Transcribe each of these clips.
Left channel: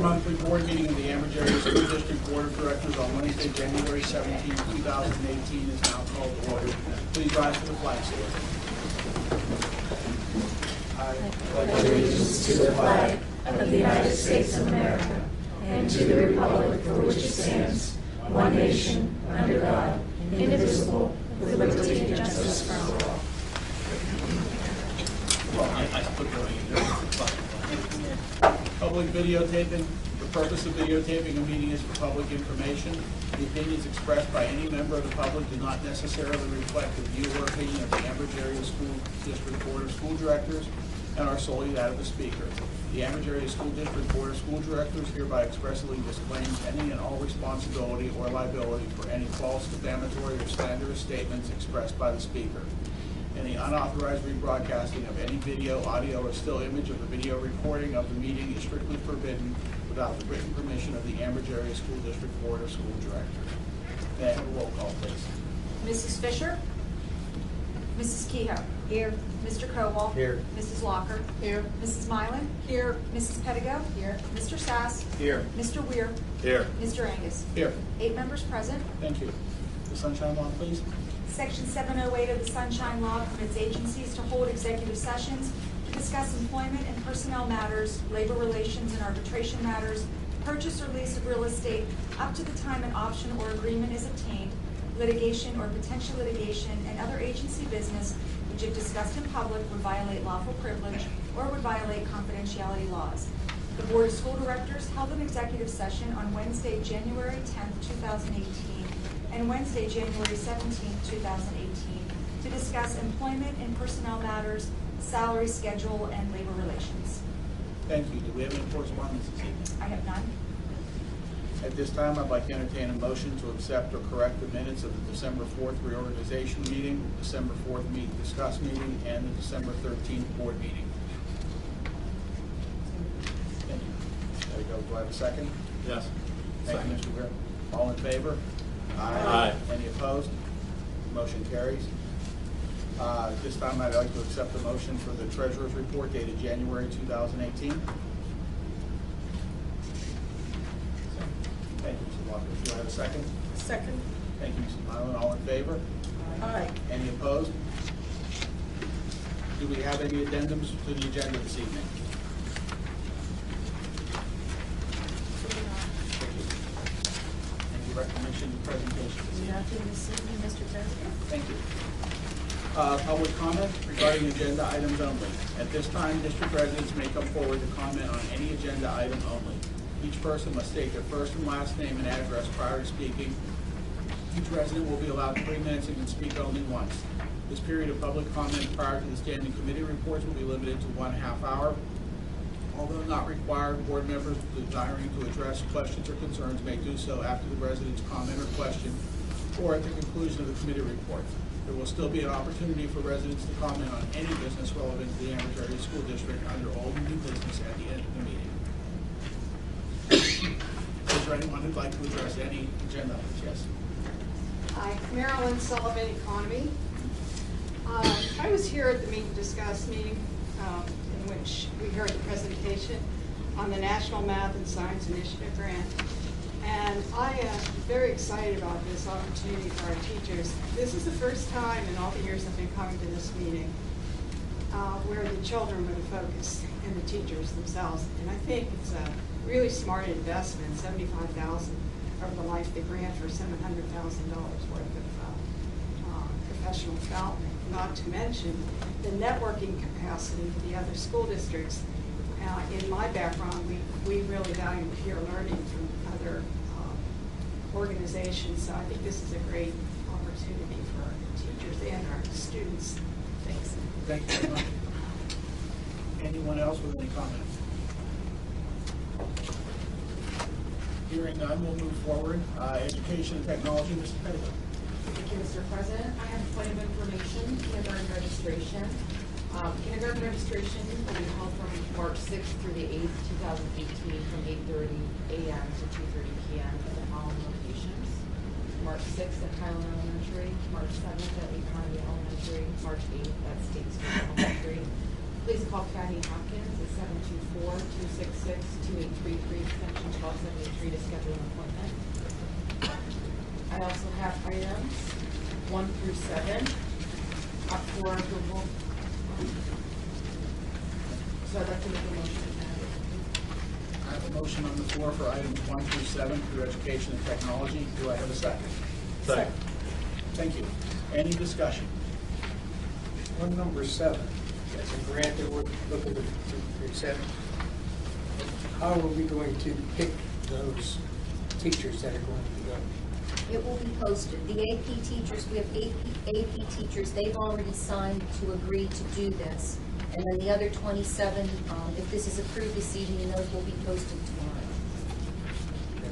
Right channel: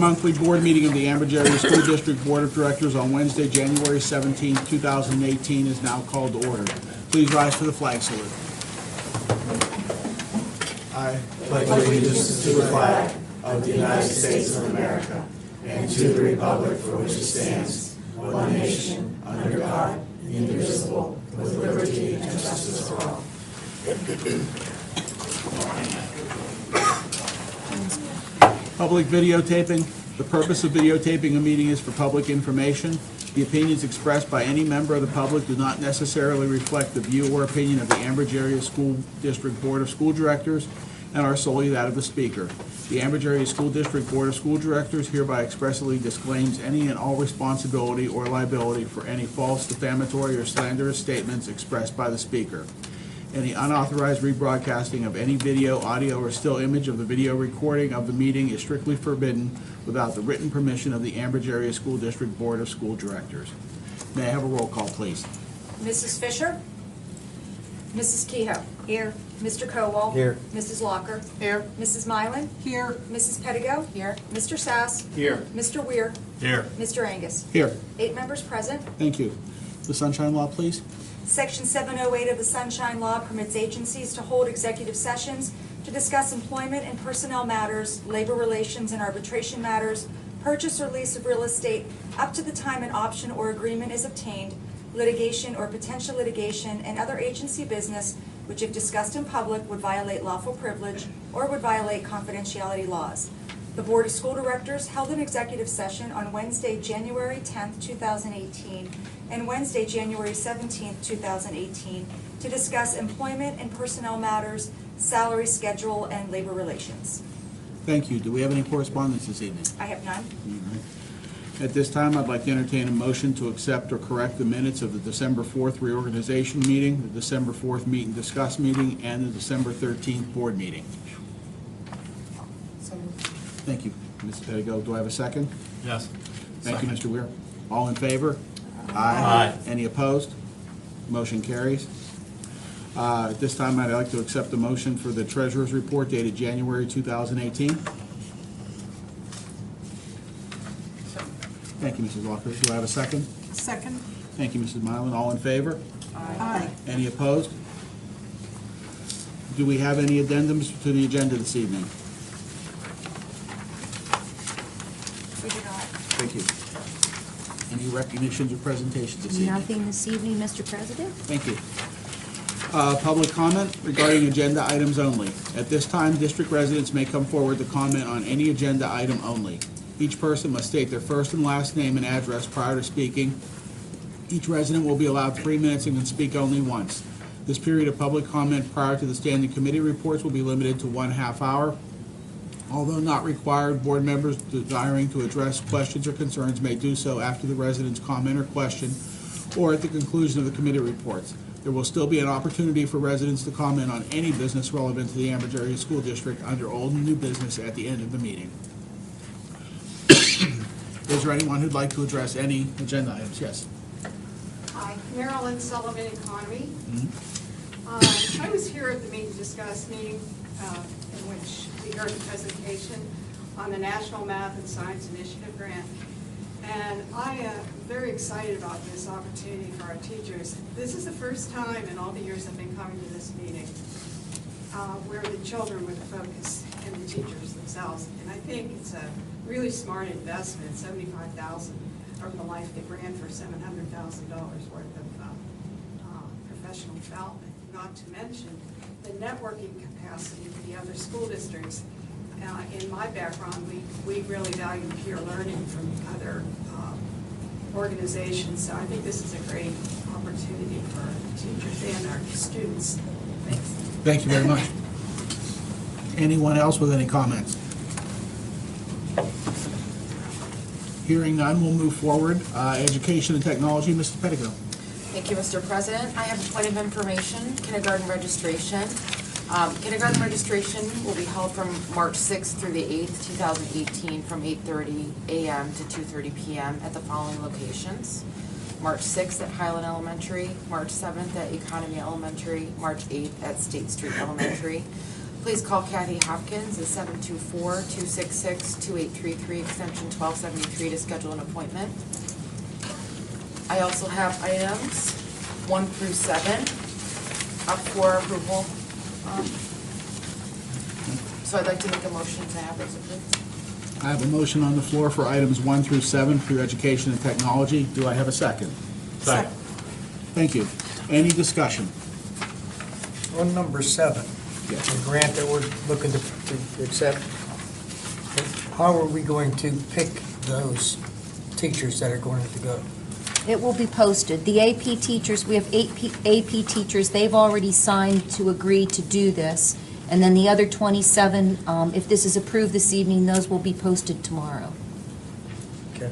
monthly board meeting of the Ambridge Area School District Board of Directors on Wednesday, January 17, 2018 is now called to order. Please rise for the flag salute. I pledge allegiance to the flag of the United States of America and to the republic for which it stands, one nation, under God, indivisible, with liberty and justice for all. Public videotaping. The purpose of videotaping a meeting is for public information. The opinions expressed by any member of the public do not necessarily reflect the view or opinion of the Ambridge Area School District Board of School Directors and are solely that of the speaker. The Ambridge Area School District Board of School Directors hereby expressly disclaims any and all responsibility or liability for any false, defamatory, or slanderous statements expressed by the speaker. Any unauthorized rebroadcasting of any video, audio, or still image of the video recording of the meeting is strictly forbidden without the written permission of the Ambridge Area School District Board of School Directors. May I have a roll call, please? Mrs. Fisher? Mrs. Kehoe? Here. Mr. Kowal? Here. Mrs. Locker? Here. Mrs. Mylan? Here. Mrs. Pettigo? Here. Mr. Sass? Here. Mr. Weir? Here. Mr. Angus? Here. 8 members present. Thank you. The Sunshine Law, please. Section 708 of the Sunshine Law permits agencies to hold executive sessions to discuss employment and personnel matters, labor relations and arbitration matters, purchase or lease of real estate, up to the time an option or agreement is obtained, litigation or potential litigation, and other agency business which, if discussed in public, would violate lawful privilege or would violate confidentiality laws. The Board of School Directors held an executive session on Wednesday, January 10th, 2018, and Wednesday, January 17th, 2018, to discuss employment and personnel matters, salary schedule, and labor relations. Thank you. Do we have any correspondence this evening? I have none. At this time, I'd like to entertain a motion to accept or correct the minutes of the December 4th reorganization meeting, the December 4th meet and discuss meeting, and the December 13th board meeting. Thank you. Ms. Pettigo, do I have a second? Yes. Thank you, Mr. Weir. All in favor? Aye. Any opposed? Motion carries. At this time, I'd like to accept the motion for the Treasurer's Report dated January 2018. Thank you, Mrs. Walker. Do I have a second? Second. Thank you, Mrs. Milan. All in favor? Aye. Any opposed? Do we have any addendums to the agenda this evening? We do not. Thank you. Any recognitions or presentations this evening? Nothing this evening, Mr. President. Thank you. Public comment regarding agenda items only. At this time, district residents may come forward to comment on any agenda item only. Each person must state their first and last name and address prior to speaking. Each resident will be allowed 3 minutes and can speak only once. This period of public comment prior to the standing committee reports will be limited to 1/2 hour. Although not required, board members desiring to address questions or concerns may do so after the resident's comment or question or at the conclusion of the committee reports. There will still be an opportunity for residents to comment on any business relevant to the Ambridge Area School District under old and new business at the end of the meeting. Is there anyone who'd like to address any agenda items? Yes. Hi, Marilyn Sullivan, Economy. I was here at the meet and discuss meeting in which we heard the presentation on the National Math and Science Initiative Grant. And I am very excited about this opportunity for our teachers. This is the first time in all the years I've been coming to this meeting where the children were the focus and the teachers themselves. And I think it's a really smart investment, $75,000 of the life of the grant for $700,000 worth of professional development, not to mention the networking capacity of the other school districts. In my background, we really value peer learning from other organizations, so I think this is a great opportunity for teachers and our students. Thanks. Thank you very much. Anyone else with any comments? Hearing none, we'll move forward. Education and technology, Mrs. Pettigo. Thank you, Mr. President. I have a point of information, kindergarten registration. Kindergarten registration will be held from March 6th through the 8th, 2018, from 8:30 a.m. to 2:30 p.m. at the following locations. March 6th at Highland Elementary, March 7th at Economy Elementary, March 8th at State Street Elementary. Please call Kathy Hopkins at 724-266-2833, extension 1273 to schedule an appointment. I also have items 1 through 7 up for approval. So I'd like to make a motion to have those approved. I have a motion on the floor for items 1 through 7 for education and technology. Do I have a second? Second. Thank you. Any discussion? On number 7, Yes. the grant that we're looking to accept, how are we going to pick those teachers that are going to go? It will be posted. The AP teachers, we have 8 AP teachers, they've already signed to agree to do this. And then the other 27, if this is approved this evening, those will be posted tomorrow. Okay.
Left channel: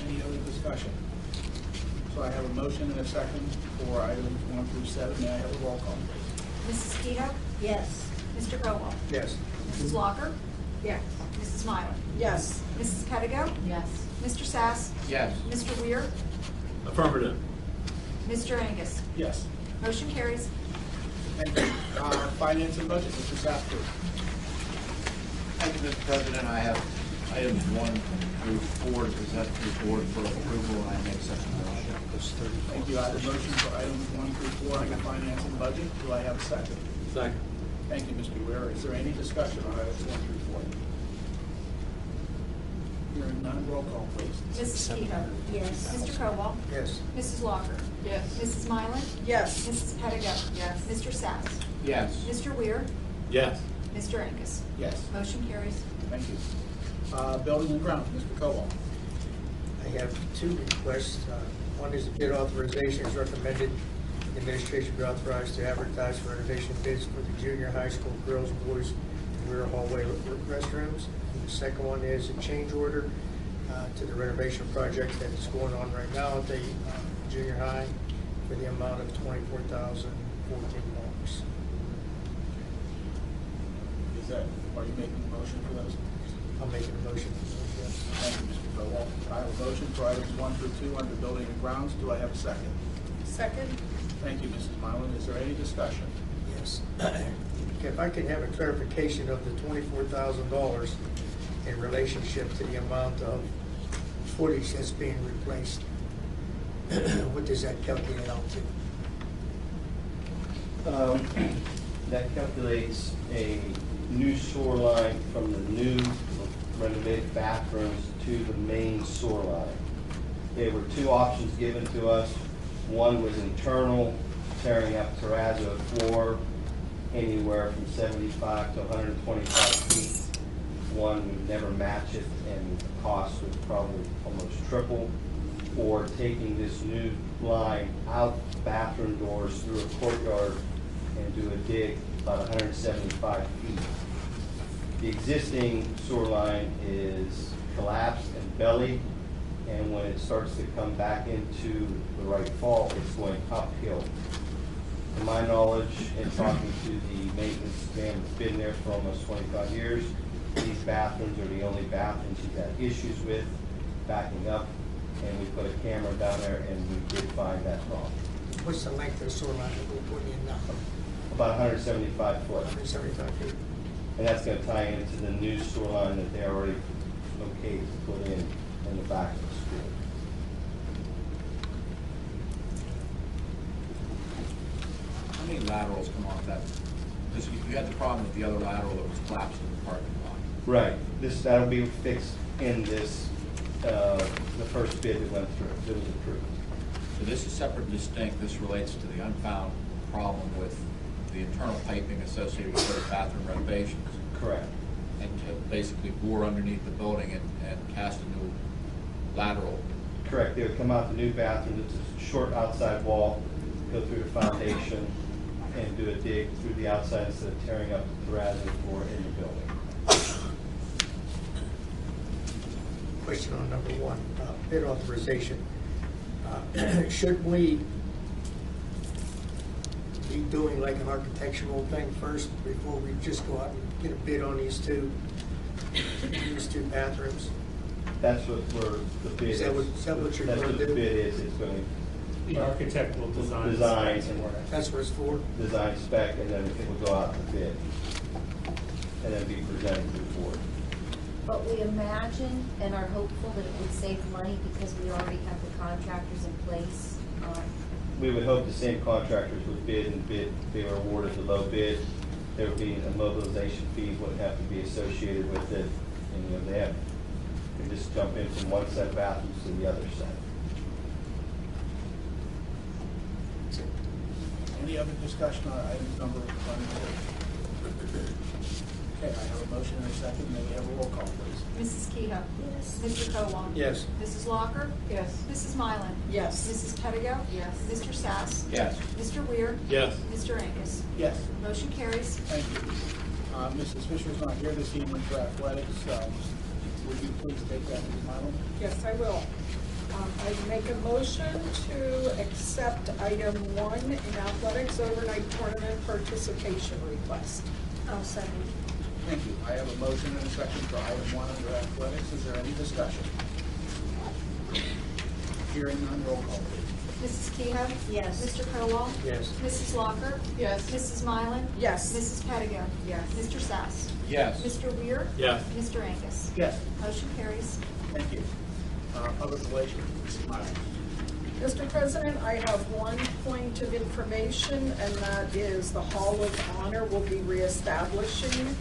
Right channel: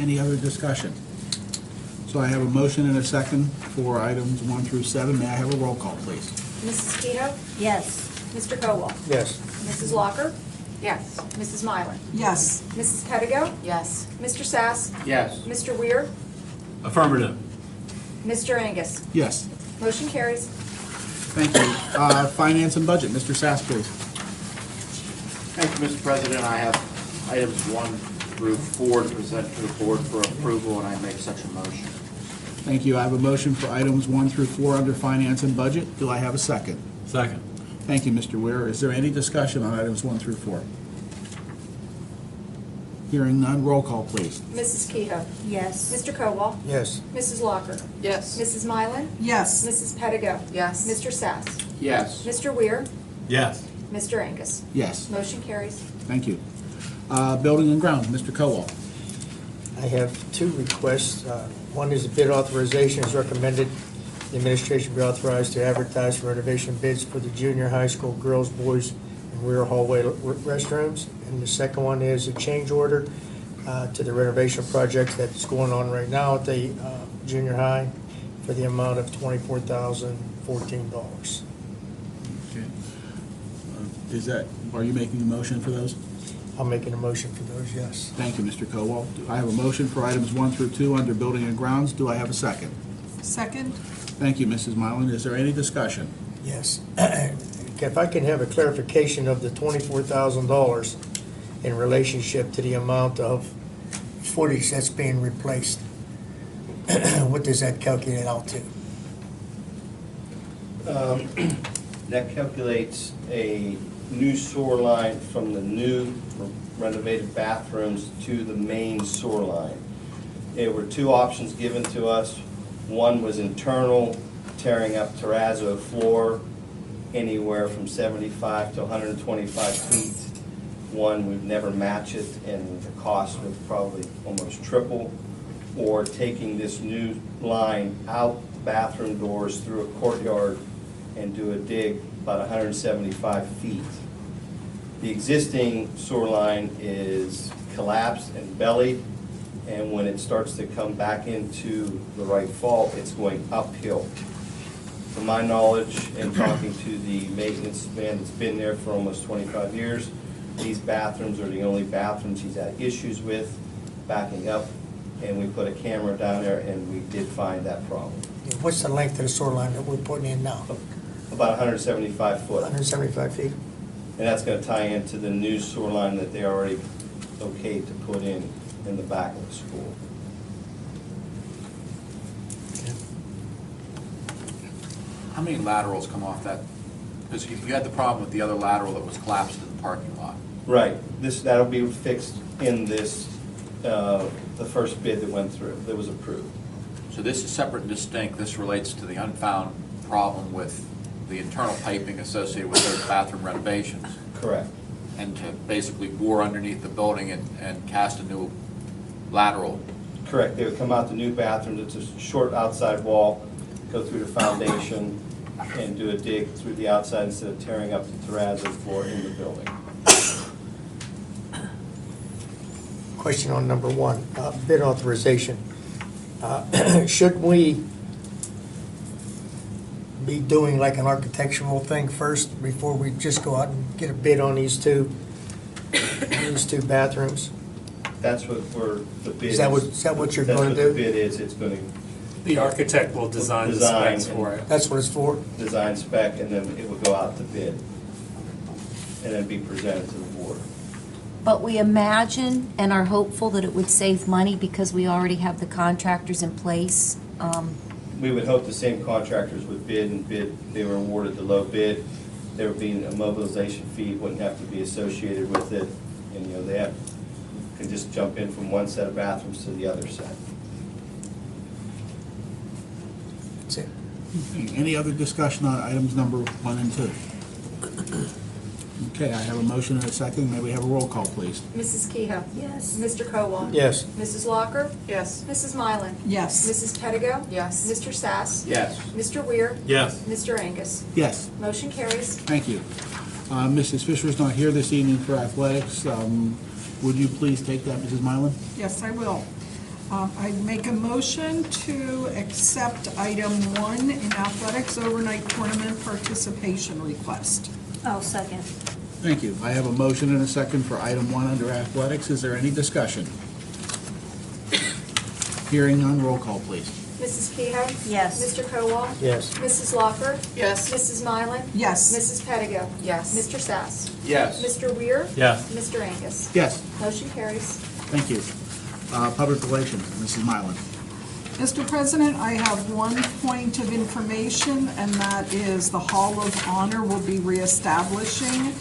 Any other discussion? So I have a motion and a second for items 1 through 7. May I have a roll call, please? Mrs. Keto? Yes. Mr. Kowal? Yes. Mrs. Locker? Yes. Mrs. Mylan? Yes. Mrs. Pedigo? Yes. Mr. Sass? Yes. Mr. Weir? Affirmative. Mr. Angus? Yes. Motion carries. Thank you. Finance and budget, Mr. Sass, please. Thank you, Mr. President. I have items 1 through 4 to present to the board for approval, and I make such a motion. Thank you. I have a motion for items 1 through 4 under finance and budget. Do I have a second? Second. Thank you, Mr. Weir. Is there any discussion on items 1 through 4? Hearing none, roll call, please. Mrs. Keto? Yes. Mr. Kowal? Yes. Mrs. Locker? Yes. Mrs. Mylan? Yes. Mrs. Pedigo? Yes. Mr. Sass? Yes. Mr. Weir? Yes. Mr. Angus? Yes. Motion carries. Thank you. Building and grounds, Mr. Kowal. I have 2 requests. One is bid authorization is recommended. The administration be authorized to advertise for renovation bids for the junior high school girls, boys, and rear hallway restrooms. And the second one is a change order to the renovation project that's going on right now at the junior high for the amount of $24,014. Are you making a motion for those? I'm making a motion for those, yes. Thank you, Mr. Kowal. I have a motion for items 1 through 2 under building and grounds. Do I have a second? Second? Thank you, Mrs. Mylan. Is there any discussion? Yes. If I can have a clarification of the $24,000 in relationship to the amount of footage that's being replaced, what does that calculate out to? That calculates a new sewer line from the new renovated bathrooms to the main sewer line. There were 2 options given to us. One was internal, tearing up terrazzo floor anywhere from 75 to 125 feet. One would never match it, and the cost would probably almost triple. Or taking this new line out bathroom doors through a courtyard and do a dig about 175 feet. The existing sewer line is collapsed and bellied, and when it starts to come back into the right fault, it's going uphill. To my knowledge, and talking to the maintenance man that's been there for almost 25 years, these bathrooms are the only bathrooms he's had issues with backing up, and we put a camera down there and we did find that problem. What's the length of the sewer line that we're putting in now? About 175 foot. 175 feet? And that's gonna tie into the new sewer line that they already okayed to put in the back of the school. How many laterals come off that? Because you had the problem with the other lateral that was collapsed in the parking lot. Right, that'll be fixed in this, the first bid that went through, that was approved. So this is separate and distinct. This relates to the unfound problem with the internal piping associated with those bathroom renovations. Correct. And to basically bore underneath the building and cast a new lateral. Correct, they would come out the new bathroom, it's a short outside wall, go through the foundation, and do a dig through the outside instead of tearing up the terrazzo floor in the building. Question on number 1, bid authorization. Should we be doing like an architectural thing first before we just go out and get a bid on these two bathrooms? That's what the bid Is that what you're That's going what to the do? bid is, it's going to The architect will design the Design. specs for it. That's what it's for? design spec, and then it would go out to bid, and then be presented to the board. But we imagine and are hopeful that it would save money because we already have the contractors in place. We would hope the same contractors would bid, and they were awarded the low bid. There would be a mobilization fee, wouldn't have to be associated with it, and, you know, they could just jump in from one set of bathrooms to the other set. That's it. Any other discussion on items number 1 and 2? Okay, I have a motion and a second. May we have a roll call, please? Mrs. Kehoe. Yes. Mr. Kowal. Yes. Mrs. Locker. Yes. Mrs. Mylan. Yes. Mrs. Pettigo. Yes. Mr. Sass. Yes. Mr. Weir. Yes. Mr. Angus. Yes. Motion carries. Thank you. Mrs. Fisher's not here this evening for athletics. Would you please take that, Mrs. Mylan? Yes, I will. I make a motion to accept item 1 in athletics overnight tournament participation request. I'll second. Thank you. I have a motion and a second for item 1 under athletics. Is there any discussion? Hearing none, roll call, please. Mrs. Kehoe. Yes. Mr. Kowal. Yes. Mrs. Locker. Yes. Mrs. Mylan. Yes. Mrs. Pettigo. Yes. Mr. Sass. Yes. Mr. Weir. Yes. Mr. Angus. Yes. Motion carries. Thank you. Public relations, Mrs. Mylan. Mr. President, I have one point of information, and that is the Hall of Honor will be reestablishing.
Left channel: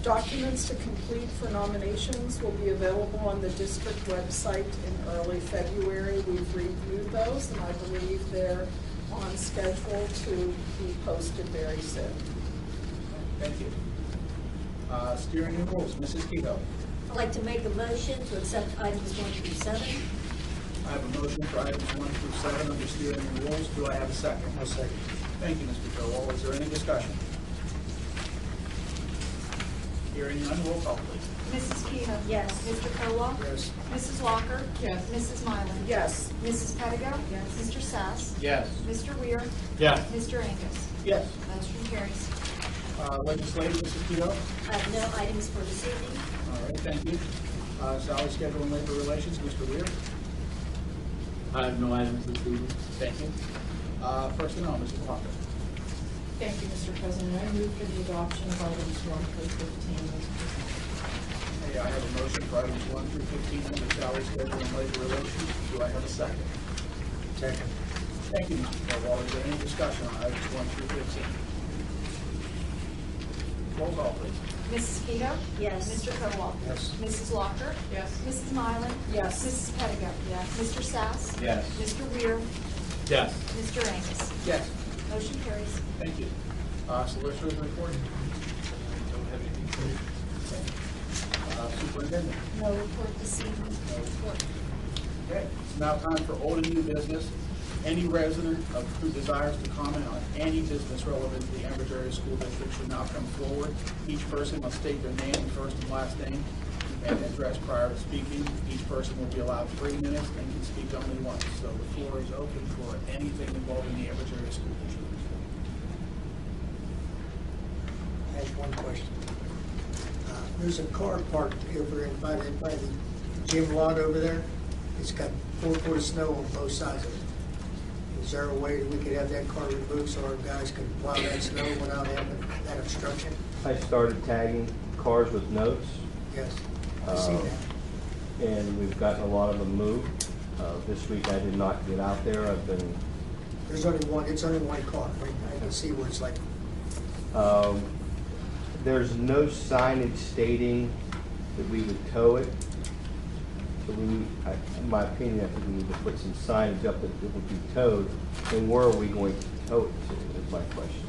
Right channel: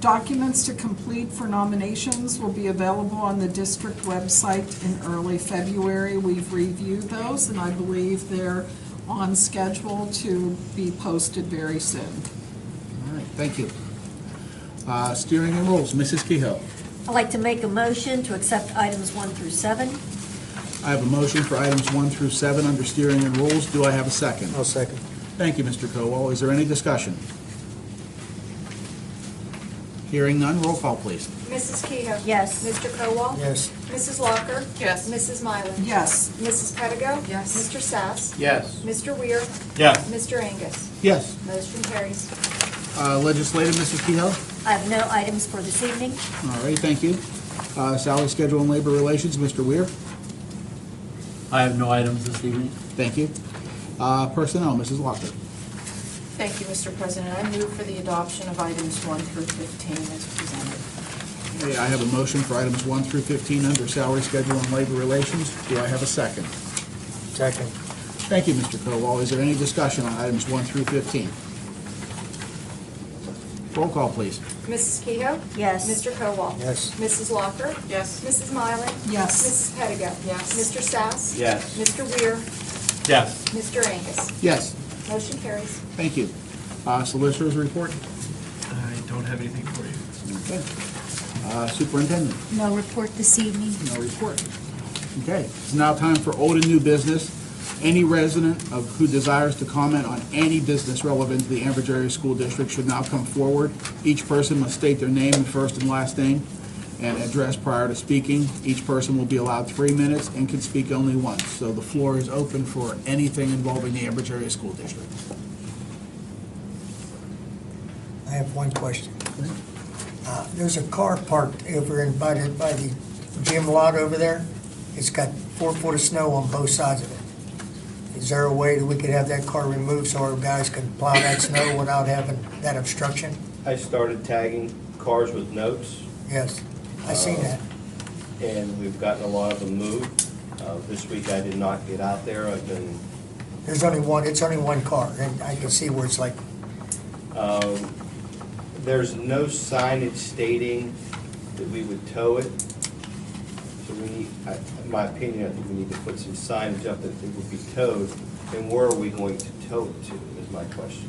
Documents to complete for nominations will be available on the district website in early February. We've reviewed those, and I believe they're on schedule to be posted very soon. All right, thank you. Steering and rules, Mrs. Kehoe. I'd like to make a motion to accept items 1 through 7. I have a motion for items 1 through 7 under steering and rules. Do I have a second? I'll second. Thank you, Mr. Kowal. Is there any discussion? Hearing none, roll call, please. Mrs. Kehoe. Yes. Mr. Kowal. Yes. Mrs. Locker. Yes. Mrs. Mylan. Yes. Mrs. Pettigo. Yes. Mr. Sass. Yes. Mr. Weir. Yes. Mr. Angus. Yes. Motion carries. Legislative, Mrs. Kehoe. I have no items for this evening. All right, thank you. Salary, schedule, and labor relations, Mr. Weir. I have no items this evening. Thank you. Personnel, Mrs. Locker. Thank you, Mr. President. I move for the adoption of items 1 through 15 as presented. Okay, I have a motion for items 1 through 15 under salary, schedule, and labor relations. Do I have a second? Second. Thank you, Mr. Kowal. Is there any discussion on items 1 through 15? Roll call, please. Mrs. Kehoe. Yes. Mr. Kowal. Yes. Mrs. Locker. Yes. Mrs. Mylan. Yes. Mrs. Pettigo. Yes. Mr. Sass. Yes. Mr. Weir. Yes. Mr. Angus. Yes. Motion carries. Thank you. Solicitors report. I don't have anything for you. Okay. Superintendent. No report this evening. No report. Okay, it's now time for old and new business. Any resident who desires to comment on any business relevant to the Ambridge Area School District should now come forward. Each person must state their name and first and last name and address prior to speaking. Each person will be allowed 3 minutes and can speak only once. So the floor is open for anything involving the Ambridge Area School District. I have one question. There's a car parked over by the gym lot over there. It's got 4 foot of snow on both sides of it. Is there a way that we could have that car removed so our guys can plow that snow without having that obstruction? I started tagging cars with notes, Yes, I seen that. and we've gotten a lot of them moved. This week I did not get out there. I've been, It's only one car, and I can see where it's like, there's no signage stating that we would tow it. So we need, in my opinion, I think we need to put some signage up that it would be towed. And where are we going to tow it to, is my question.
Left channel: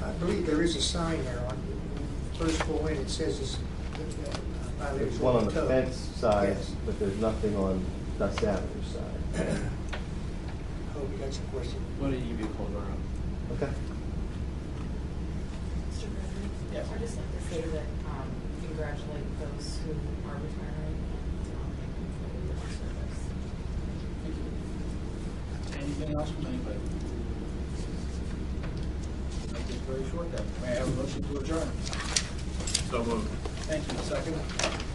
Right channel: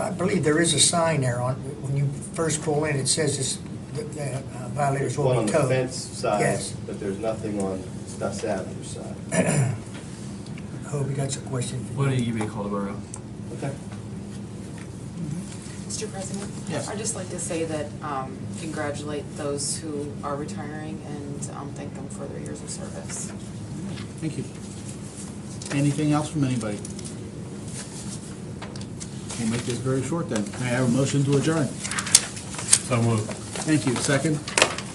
I believe there is a sign there on, when you first pull in, it says this, violators There's one will on be the towed. fence side, Yes. but there's nothing on Stuss Avenue side. Hobie, that's a question. Why don't you be called over? Okay. Mr. President? Yes. I'd just like to say that, congratulate those who are retiring and thank them for their years of service. Thank you. Anything else from anybody? We'll make this very short then. May I have a motion to adjourn? So moved. Thank you. Second?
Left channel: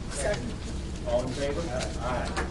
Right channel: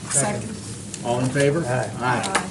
Second. All in favor? Aye. Aye.